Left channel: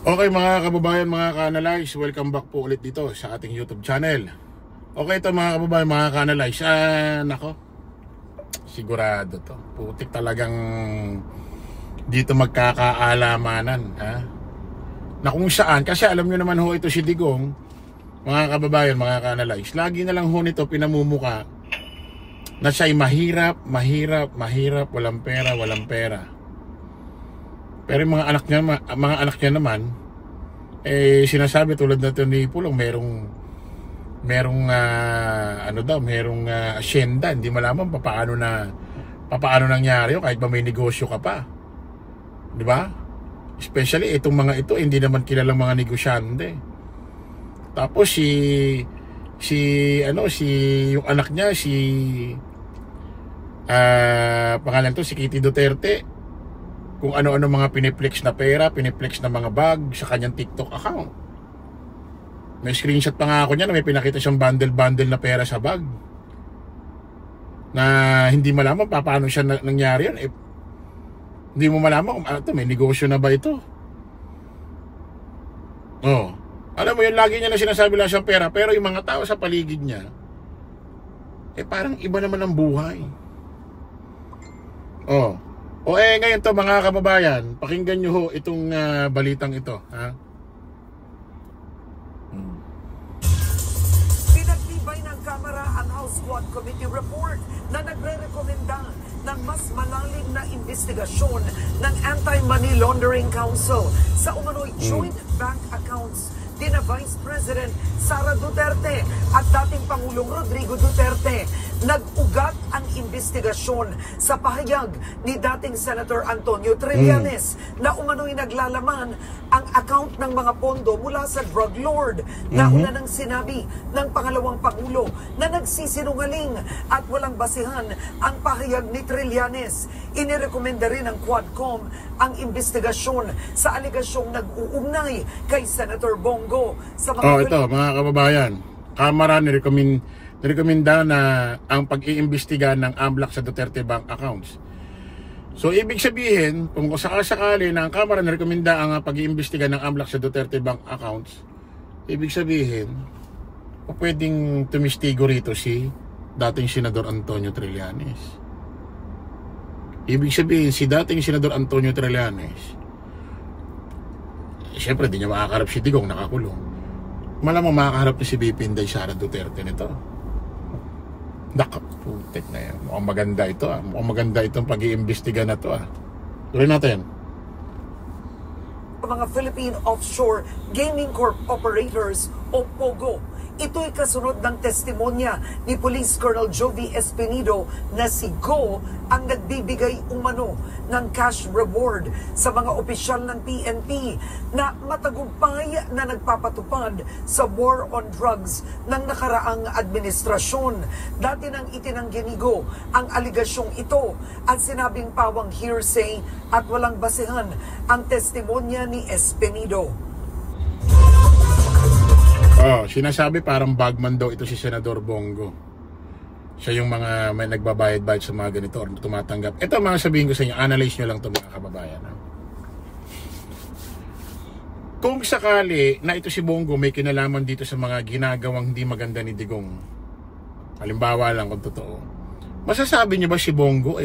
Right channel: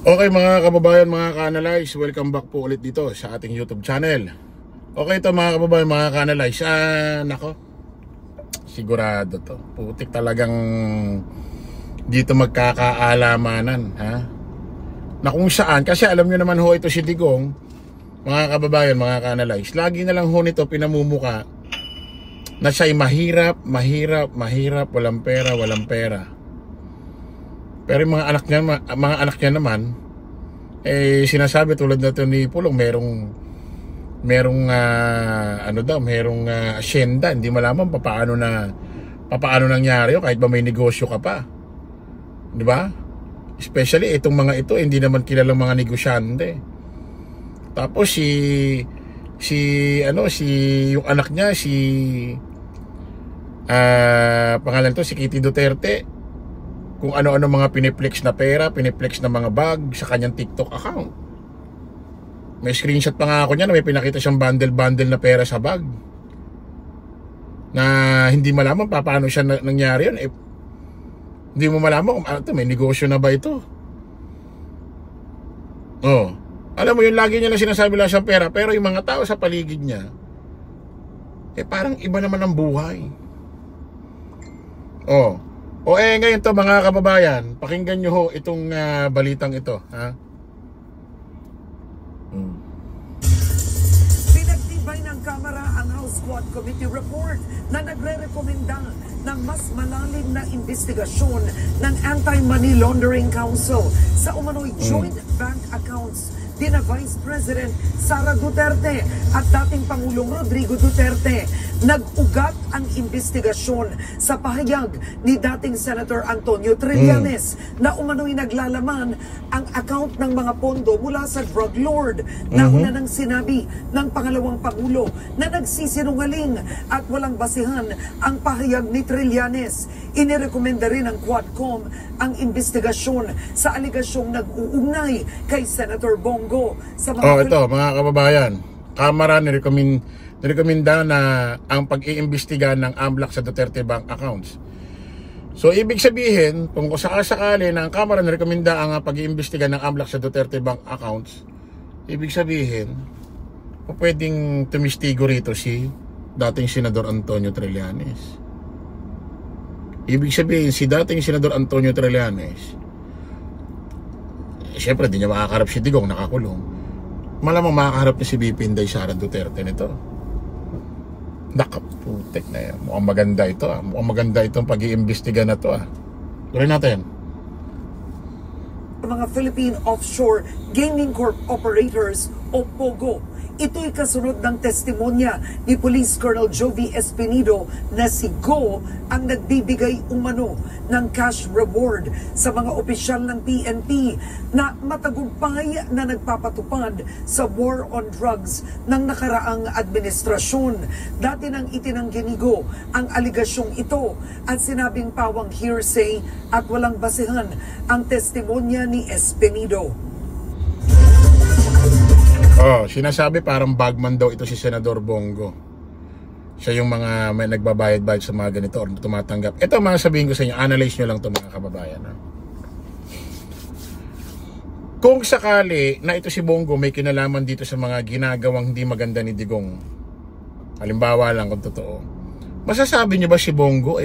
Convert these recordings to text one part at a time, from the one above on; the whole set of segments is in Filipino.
Okay mga kababayan, mga ka-analyze, welcome back po ulit dito sa ating YouTube channel. Okay ito mga kababayan, mga ka-analyze, nako, sigurado to, putik talagang dito magkakaalamanan, ha? Na kung saan, kasi alam nyo naman ho ito si Digong, mga kababayan, mga ka-analyze, lagi na lang ho nito pinamumuka na siya'y mahirap, walang pera. Pero yung mga anak niya naman, sinasabi tulad na ito ni Pulong, merong asyenda, hindi malaman paano nangyari yun, kahit ba may negosyo ka pa. Di ba? Especially itong mga ito, hindi naman kilalang mga negosyante. Tapos yung anak niya, pangalan to, si Kitty Duterte, kung ano-ano mga piniplex na pera, piniplex na mga bag sa kanyang TikTok account. May screenshot pa nga ako niya na may pinakita siyang bundle na pera sa bag, na hindi malaman paano siya nangyari yun. Hindi mo malaman kung may negosyo na ba ito. Alam mo yun, lagi niya lang sinasabi lang siyang pera, pero yung mga tao sa paligid niya, parang iba naman ang buhay. Ngayon to mga kababayan, pakinggan nyo ho itong balitang ito, ha? Pinagtibay ng Kamara ang House Squad Committee report na nagre-rekomenda ng mas malalim na investigasyon ng Anti-Money Laundering Council sa umano'y joint bank accounts dina Vice President Sara Duterte at dating Pangulong Rodrigo Duterte. Nag-ugat ang investigasyon sa pahayag ni dating Senator Antonio Trillanes na umano'y naglalaman ang account ng mga pondo mula sa drug lord. Nauna nang sinabi ng pangalawang Pangulo na nagsisinungaling at walang basihan ang pahayag ni Trillanes. Inirekomenda rin ng Quadcom ang investigasyon sa alegasyong nag-uugnay kay Senator Bongo sa mga ito mga kababayan, Kamara nirekomenda na ang pag-iimbestiga ng AMLAC sa Duterte Bank accounts. So ibig sabihin, kung sakasakali na ang Kamara nirekomenda ang pag-iimbestiga ng AMLAC sa Duterte Bank accounts, ibig sabihin pwedeng tumistigo rito si dating Senador Antonio Trillanes. Ibig sabihin si dating Senador Antonio Trillanes, siyempre di niya makakaharap si Digong, nakakulong. Malamang makakaharap na si VP Inday Sara Duterte nito. Nakaputik na yan. Mukhang maganda ito, mukhang maganda itong pag-iimbestiga na to, Tuloy natin. Mga Philippine Offshore Gaming Corp Operators o POGO. Ito'y kasunod ng testimonya ni Police Colonel Jovi Espinido na si Go ang nagbibigay umano ng cash reward sa mga opisyal ng PNP na matagumpay na nagpapatupad sa war on drugs ng nakaraang administrasyon. Dati nang itinanggi ni Go ang aligasyong ito at sinabing pawang hearsay at walang basihan ang testimonya ni Espinido. Sinasabi parang bagman daw ito si Senador Bongo. Siya yung mga may nagbabayad-bayad sa mga ganito or tumatanggap. Ito mga sabihin ko sa inyo, analyze nyo lang ito mga kababayan. Kung sakali na ito si Bongo may kinalaman dito sa mga ginagawang hindi maganda ni Digong, halimbawa lang kung totoo, masasabi nyo ba si Bongo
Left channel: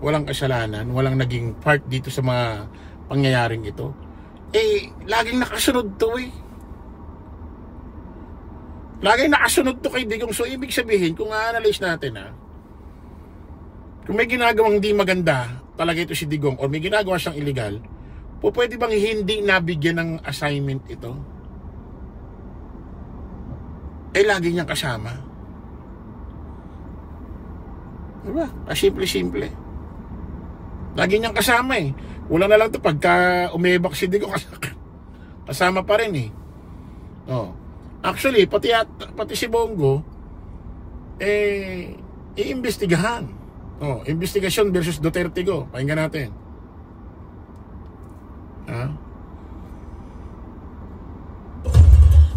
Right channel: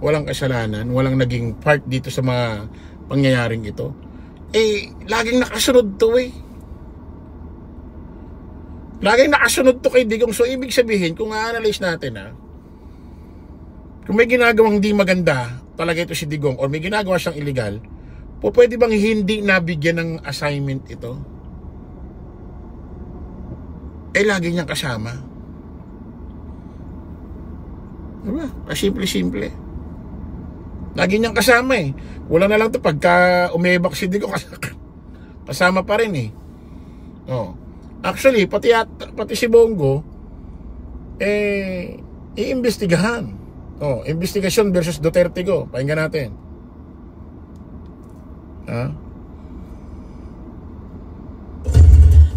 walang kasalanan, walang naging part dito sa mga pangyayaring ito? Laging nakasunod to Laging nakasunod to kay Digong. So ibig sabihin, kung a-analyze natin kung may ginagawang hindi maganda talaga ito si Digong or may ginagawa siyang illegal, pwede bang hindi nabigyan ng assignment ito? Lagi niyang kasama. Diba? Simple-simple. Lagi niyang kasama Wala na lang to pagka umebak si Digong kasama pa rin Actually, pati si Bongo iimbestigahan. Investigasyon versus Duterte Go. Pakinggan natin.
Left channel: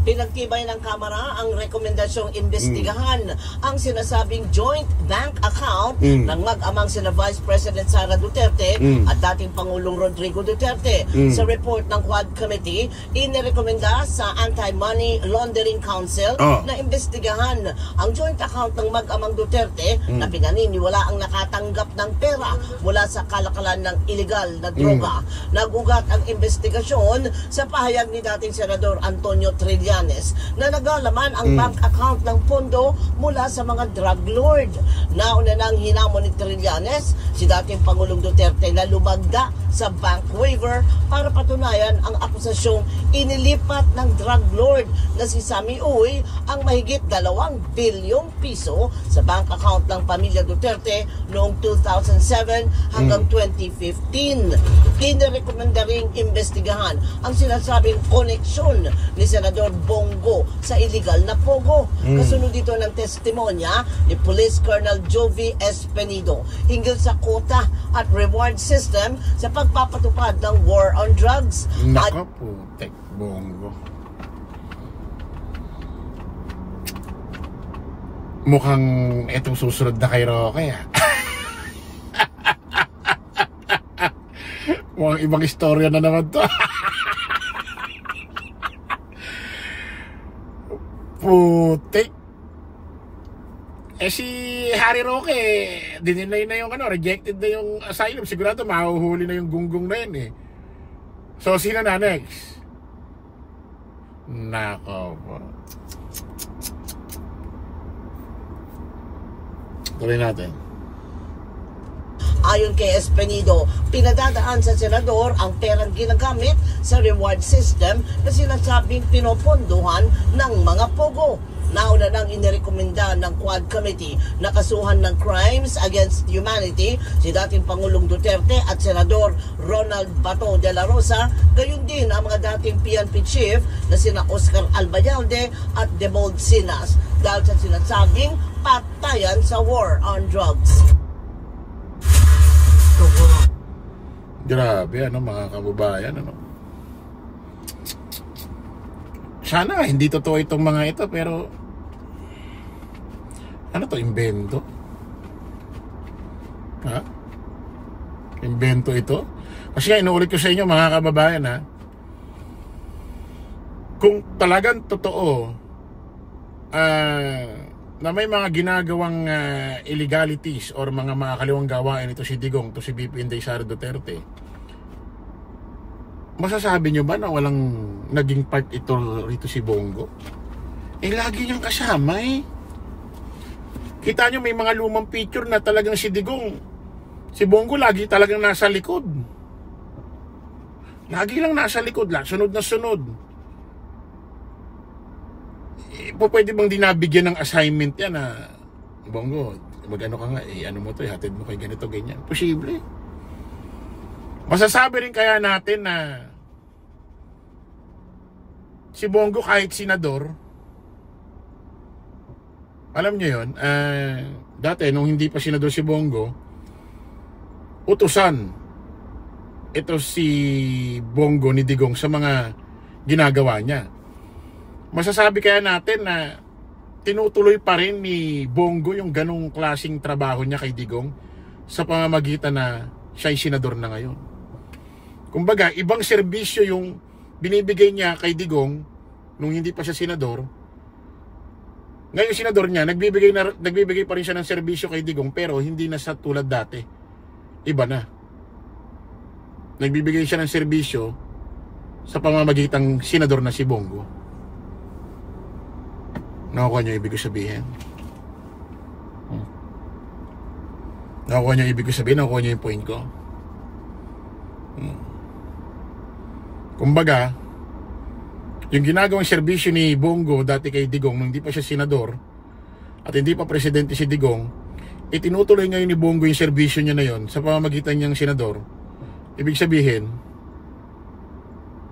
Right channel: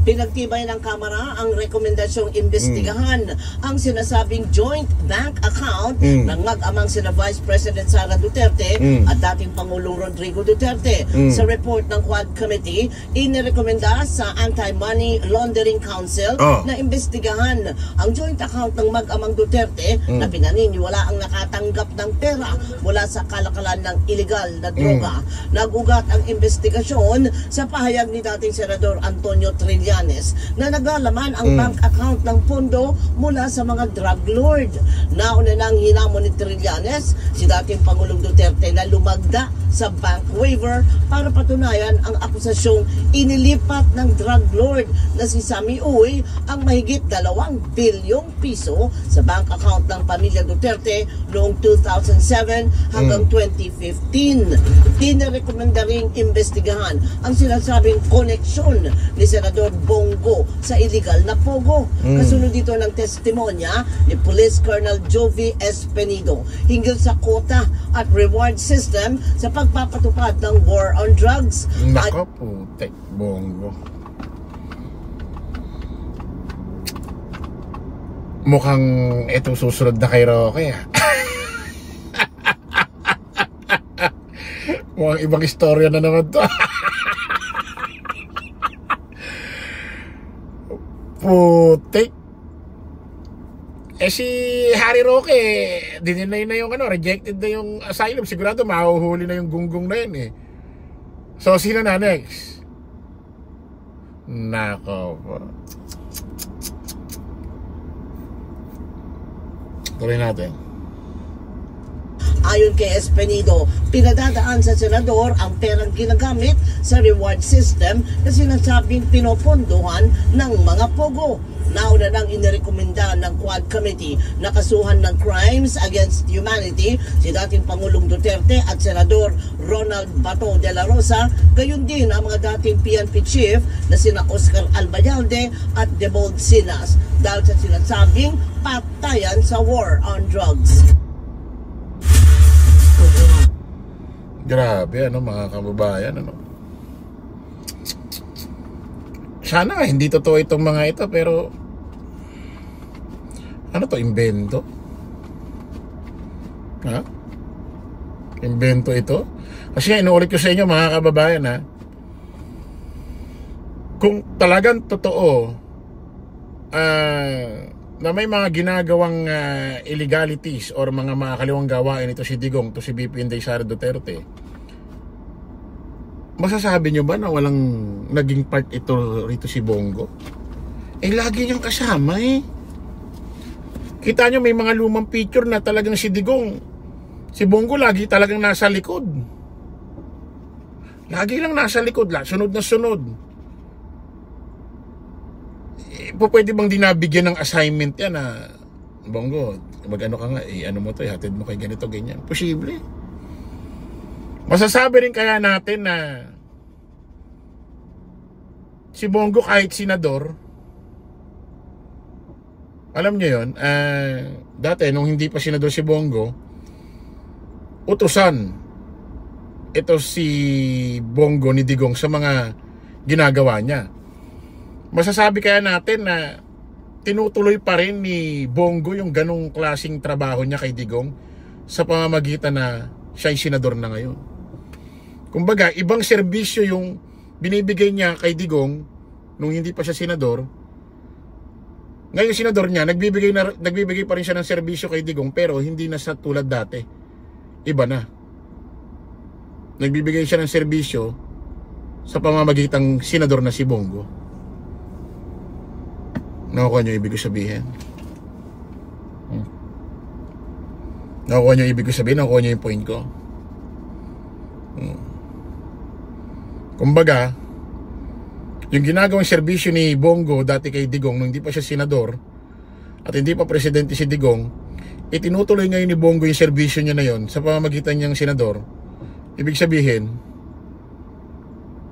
Pinagtibay ng Kamara ang rekomendasyong imbestigahan ang sinasabing joint bank account ng mag-amang sina Vice President Sara Duterte at dating Pangulong Rodrigo Duterte. Sa report ng Quad Committee, inirekomenda sa Anti-Money Laundering Council na imbestigahan ang joint account ng mag-amang Duterte na pinaniniwala ang nakatanggap ng pera mula sa kalakalan ng illegal na droga. Nagugat ang investigasyon sa pahayag ni dating Senador Antonio Trillanes na naglalaman ang bank account ng pondo mula sa mga drug lord. Nauna nang hinamon ni Trillanes si dating Pangulong Duterte na lumagda sa bank waiver para patunayan ang akusasyong inilipat ng drug lord na si Sammy Uy ang mahigit 2 bilyong piso sa bank account ng pamilya Duterte noong 2007 hanggang 2015. Inirekomenda ring imbestigahan ang sinasabing koneksyon ni Senador Bongo sa illegal na pogo. Kasunod dito ng testimonya ni Police Colonel Jovi Espenido hinggil sa quota at reward system sa pagpapatupad ng war on drugs. Nako, putek, Bongo. Mukhang itong susunod na kay Roque, mukhang ibang istorya na naman to. Putik. Si Harry Roque, dininay na yung rejected na yung asylum. Sigurado mahuhuli na yung gunggong na yun So, sino na next? Nako po. Tuloy natin. Ayon kay Espenido, pinadadaan sa senador ang perang ginagamit sa reward system na sinasabing pinopondohan ng mga pogo. Nauna nang inirekomenda ng Quad Committee na kasuhan ng crimes against humanity si dating Pangulong Duterte at Senador Ronald Bato de la Rosa, gayon din ang mga dating PNP chief na sina Oscar Albayalde at Debold Sinas dahil sa sinasabing patayan sa war on drugs. Grabe, mga kababayan, Sana hindi totoo itong mga ito, pero ano to, imbento? Ha? Imbento ito? Kasi nga, inuulit ko sa inyo, mga kababayan, kung talagang totoo na may mga ginagawang illegalities or mga makakaliwang gawain ito si Digong, to si BP Inday Sara Duterte, masasabi nyo ba na walang naging part ito rito si Bongo? Lagi niyang kasama Kita nyo may mga lumang picture na talagang si Digong, si Bongo lagi talagang nasa likod. Lagi lang nasa likod, sunod na sunod. Pwede bang dinabigyan ng assignment yan na Bongo, mag-ano ka nga, ano mo to, hatid mo kay ganito, ganyan. Posible. Masasabi rin kaya natin na si Bongo kahit senador, alam nyo yun, dati nung hindi pa senador si Bongo, utusan ito si Bongo ni Digong sa mga ginagawa niya. Masasabi kaya natin na tinutuloy pa rin ni Bongo yung ganong klaseng trabaho niya kay Digong sa pamamagitan na siya'y senador na ngayon. Kumbaga, ibang serbisyo yung binibigay niya kay Digong nung hindi pa siya senador. Ngayon senador niya, nagbibigay pa rin siya ng serbisyo kay Digong, pero hindi na sa tulad dati. Iba na. Nagbibigay siya ng serbisyo sa pamamagitang senador na si Bongo. Nakukuha niyo ibig ko sabihin? Nakukuha niyo ibig ko sabihin? Nakukuha niyo yung point ko? Kumbaga, yung ginagawang serbisyo ni Bongo dati kay Digong nung hindi pa siya senador at hindi pa presidente si Digong, itinutuloy ngayon ni Bongo yung serbisyo niya na yon sa pamamagitan niyang senador. Ibig sabihin,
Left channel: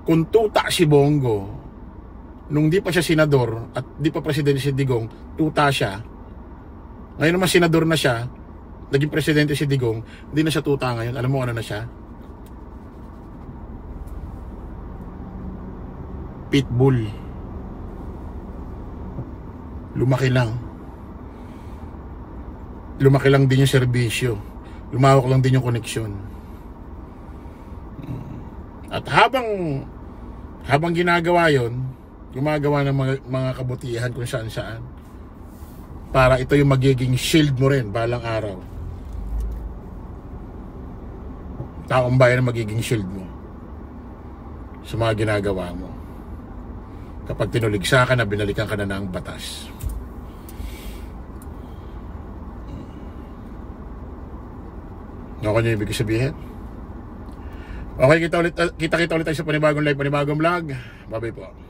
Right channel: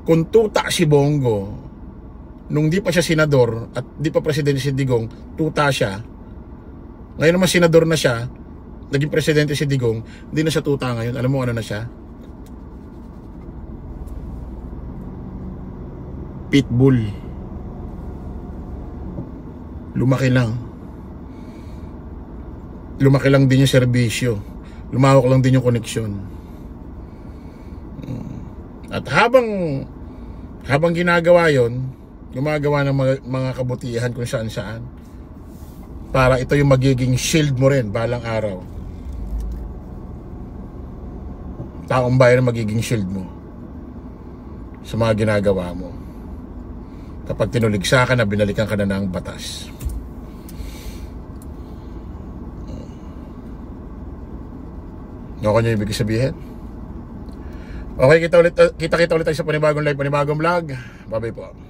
kung tuta si Bongo nung di pa siya senador at di pa presidente si Digong, tuta siya. Ngayon naman senador na siya, naging presidente si Digong, hindi na siya tuta ngayon. Alam mo ano na siya? Pitbull. lumaki lang. Lumaki lang din yung serbisyo. Lumawak lang din yung koneksyon. At habang ginagawa yon, gumagawa ng mga kabutihan kung saan-saan, para ito yung magiging shield mo rin balang araw. Taong bayan ang magiging shield mo sa mga ginagawa mo. Kapag tinuligsa ka na, binalikan ka na ng batas. Ano nyo ibig sabihin? Okay, kita ulit tayo sa panibagong live, panibagong vlog. Bye-bye po.